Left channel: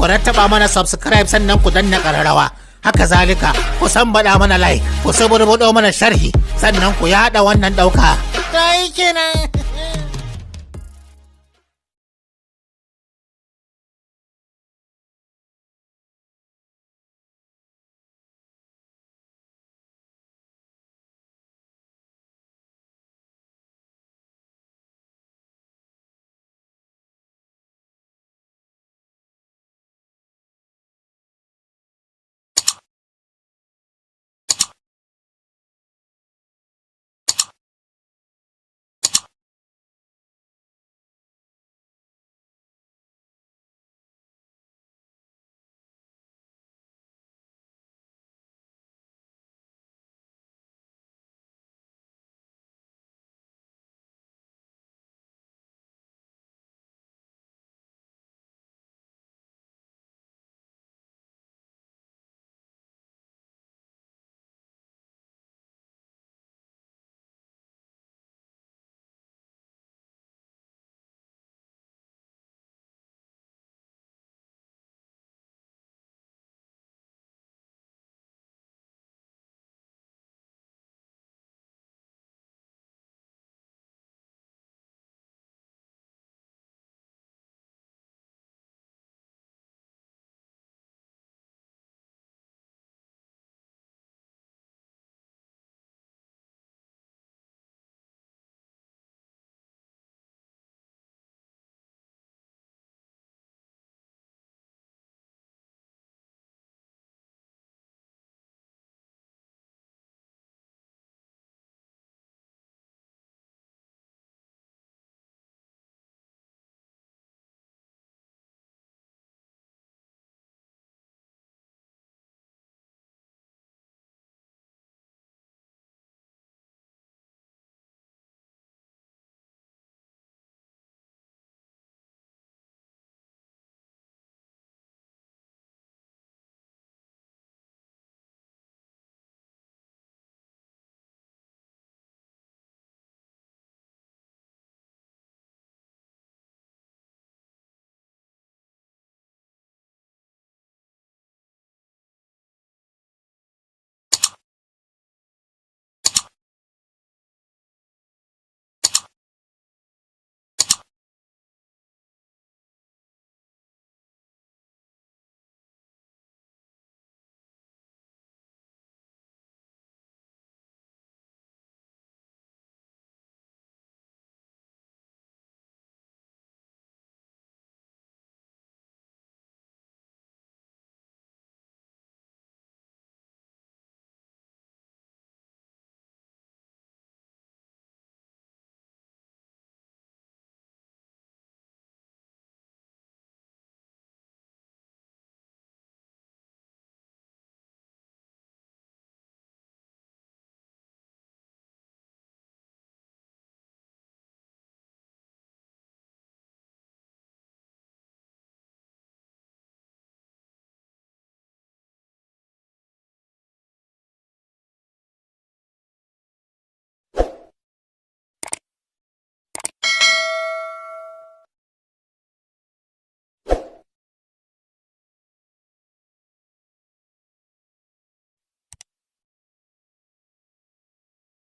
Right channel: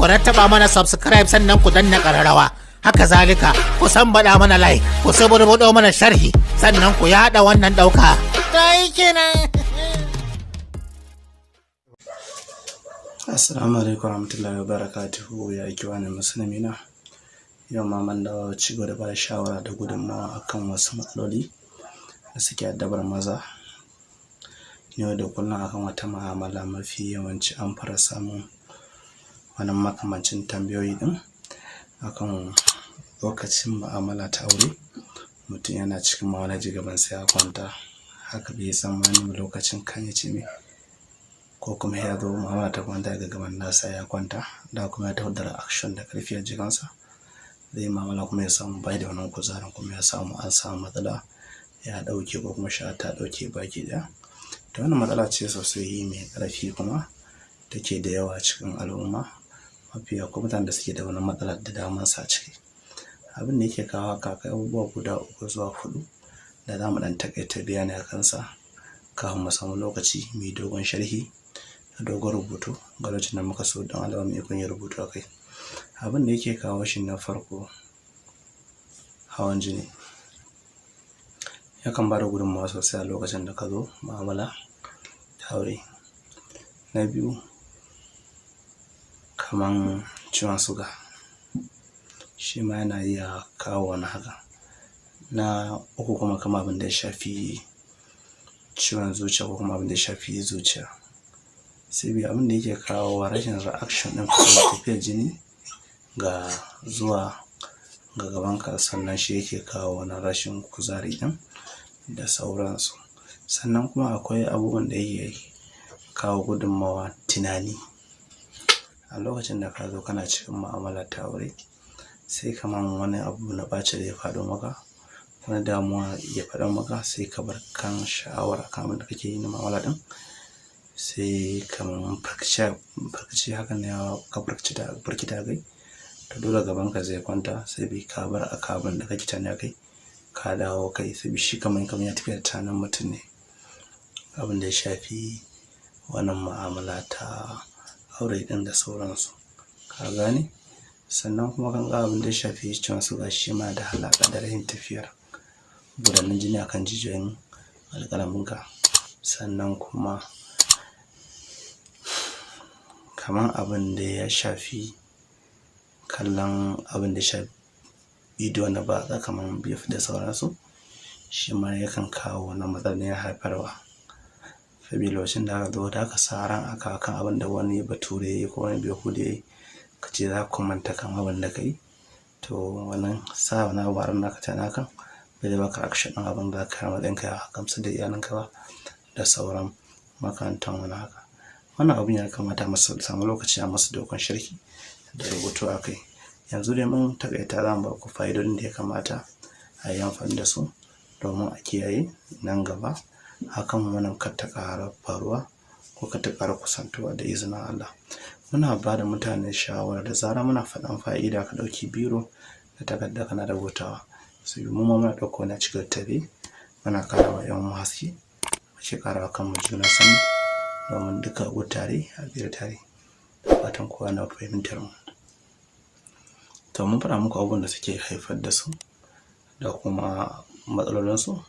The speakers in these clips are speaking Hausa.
ku rattaba mana subscribe sannan ku danna ƙararrawa. Haka zalika ku baɗa mana like, ku saburbuɗo mana sharhi, sannan ku yaɗa wannan ɗauka. Dai kenan. Assalamu alaikum warahmatullahi wabarakatuhu, ya ikiwani musulmina. Yau ma mun dawo ci gaba da bada shawara da gudunmawa akan wasu matsaloli da suke addabar maza yau da kullum akan wata mu'amala. Mafi yawanci an fara samun wani makamancin tambayoyi din akan lokacin mu'amala ta aure, mutum yana cikin mu'amala ji gaban sa ya kwanta, haka bai san wani lokacin kan ya ce me, ko kuma ya zo mu'amala ta kwanta ga gaban nasa ya kwanta da kuma ya taho da reaction da karfi a jikinsa, zai mu'amala kuma ya samu bai da wannan kuzarin, kuma ya samu an samu matsala ya dauke ko kuma sha ta dauke baki daya. To wannan matsala ce sosai mai karfi kuma take da yawa cikin al'umma. Mafi yawa mutanen da suke da wannan matsala da daman sa ciki. Abin da yake kawo haka kai abubuwa guda 3 zuwa 4 da zamu dan takaita bayani a kansa kafin mu samu lokaci mai dogon sharhi da dogon rubutu ga lokacin da muka so don Allah mai kun yi rubutu akai. Abin da yake kawo shi na farko, hawan jini yakan bada gudunmawa sosai a lokacin da ka zo mu'amala ta aure. Na biyu, kaman ciwon suga, shi ma yana iya kawo wani haka. Na uku kuma kamar abin da ya shafi ciwon zuciya ko kuma abin da ya shafi zuciya. Sai abin da yake kawo rashin reaction din tafiyar jini ga zuwa ga gabanka, sannan shi yake kawo wani rashin kuzari din da sauransu. Sannan kuma akwai abubuwan da yake kawo gudunmawa tunani. A lokacin da ka zo kana cikin mu'amala ta aure, sai kaman wani abu na ɓaci da ya faɗo maka, wani damuwa ya faɗo maka, sai ka bar kan sha'awar kan abin da kake yi na mu'amala din, sai kaman farkici hakan ne ka firkita kai, to dole gabanka zai kwanta, sai bai ka bar abin da kake tana kai ka dawo kai, sai shi kaman ya tafi da tunanin mutum ne. Abin da ya shafi wannan mu'amala ta aure din da sauransu, ka gane. Sannan kuma kan ga abin da ya shafi ciwon suga, shi ma da alaƙa da rashin tafiyar gudanar jini akan jijiyoyin alƙalaminka. Sannan kuma kaman abin da ya shafi kallon abin da ya shafi bidiyo na batsa kaman beef da sauransu, shi ma yakan kawo wannan matsalar ya haifarwa. Sabida lokacin da aka zo da aka sa ran aka kan abin da wani bature ko wani behude ka ce za ku manta kan abin da kai, to wannan sa wani abu a ran naka tana kan bai baka action din abin da ka matsayin ka ya gamsu da iyalinka ba da sauran makamantan wani haka. Wannan abin ya kamata mu samu lokaci a masa dogon sharhi da rubutu akai. Yanzu dai mun takaita za mu ba ku fa'idodin da ya kamata a yi amfani da su domin a kiyaye nan gaba hakan wannan kar ta ƙara faruwa ko kar ta ƙara kusantuwa da izinin Allah. Muna ba da mutane shawara da zarar muna faɗan fa'ida ka ɗauki biro da takarda kana rubutawa, sai mu ma muna ɗauko na cikin tabe muna ƙara wa ƴan haske, muke ƙara wa kanmu juna sani domin duka a tare a biyar tare. Fatan kowa na fahimtar mu. To mun faɗa muku abubuwan da suke haifar da su da kuma matsalolinsu,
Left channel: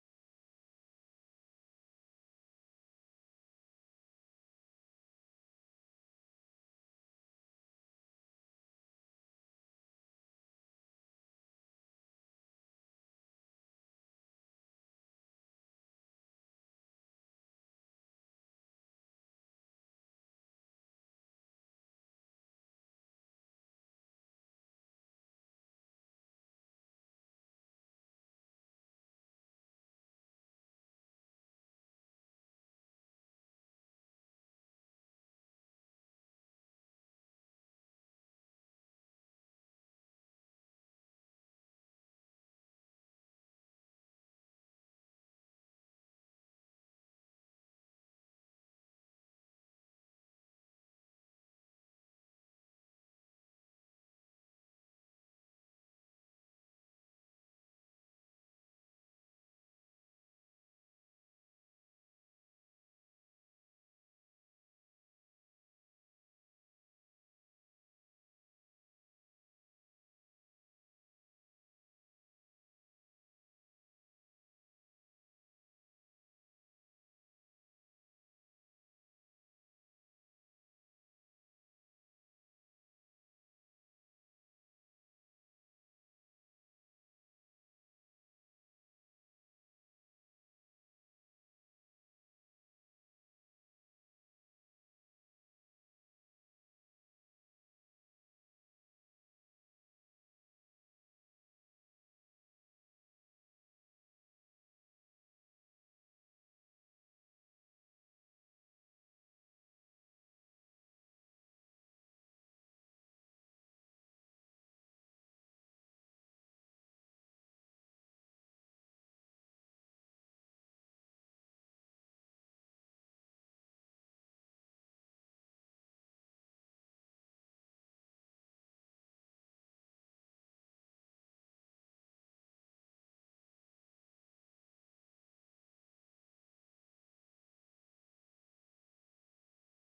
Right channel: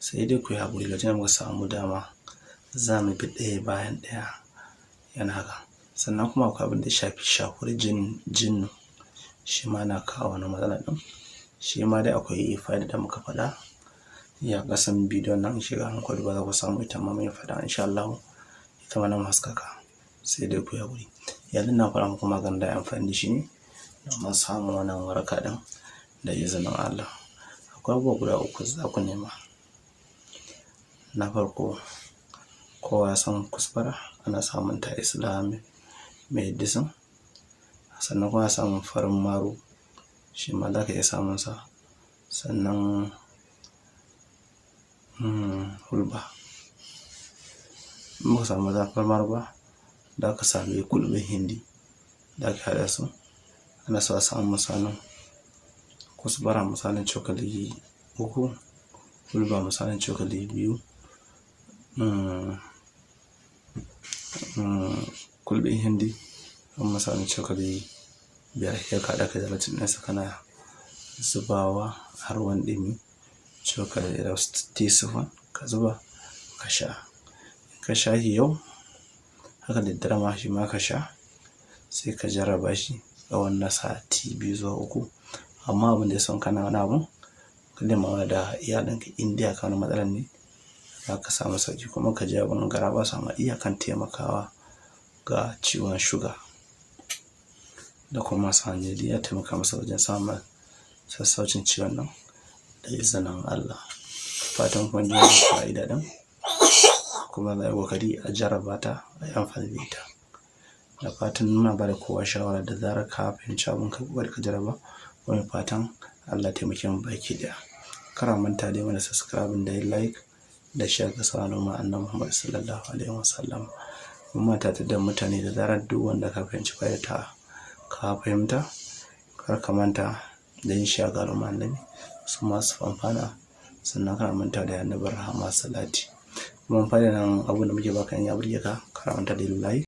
sai dai ku yi haƙuri lokacin da muka samu dama za mu bi ɗaya bayan ɗaya yana haka. Sannan kuma akwai abin da ya shafi shakuwar jinnu, shi ma na kawo wani matsala ɗin. Shi ma dai akwai fa'ida da muka faɗa ya ƙasan bidiyon nan, shiga hankali ba za ku samu ita ma mai faɗa insha Allah ita ma nan haskaka, sai dai ku yi haƙuri. Yanzu na faɗa muku maganin da amfani da shi ne domin samun wannan waraka ɗin da izinin Allah. Akwai abubuwa guda 3 za ku nema. Na farko, kowa ya san kusfara ana samun ta Islamic medicine. Sannan kuma samun farin maru, shi ma za ka iya samun sa. Sannan hulba, in baka samu farin maru ba da ka sami kulɓin hindi da ka haɗa su. Ana so a samu misalin kusfara misalin cokali 3, hulba misalin cokali 2, kulɓin hindi misalin cokali 5 sai ka haɗa gelatin ɗinsa kana zubawa a ruwan ɗumi cokali da teaspoon ka zuba ka sha. In ka sha shi yau haka da daddare ma shi ma ka sha, sai ka jarraba shi tsawon na sati 2 zuwa 3. Amma abin da ya son kana wani abu ka nemi da iyalinka in dai akan wani matsalar ne za ka samu sauƙi, kuma ka ji abin garaɓasa ma iyakan taimakawa ga ciwon shuga da kuma sanyi ya taimaka masa wajen samun sassaucin ciwon nan da izinin Allah. Fatan kun ji wannan fa'ida ɗin kuma za a yi ƙoƙari a jarraba ta a yi amfani da ita. Da fatan muna ba da kowa shawara da zarar ka fahimci abin ka ƙoƙari ka jarraba. Wani fatan Allah taimake mu baki ɗaya. Kar a manta dai mana subscribe da yin like da share ga sauran Annabi Muhammad sallallahu alaihi wasallam. Mun mata da mutane da zarar duk wanda ka fahimci fa'ida ta ka fahimta, kar ka manta da yin share ga Annabi su masu amfana, sannan kar a manta da Annabi rahama salati. Kuma fa'ida nan abin da muke baka in ya burge ka, kar a manta da yin like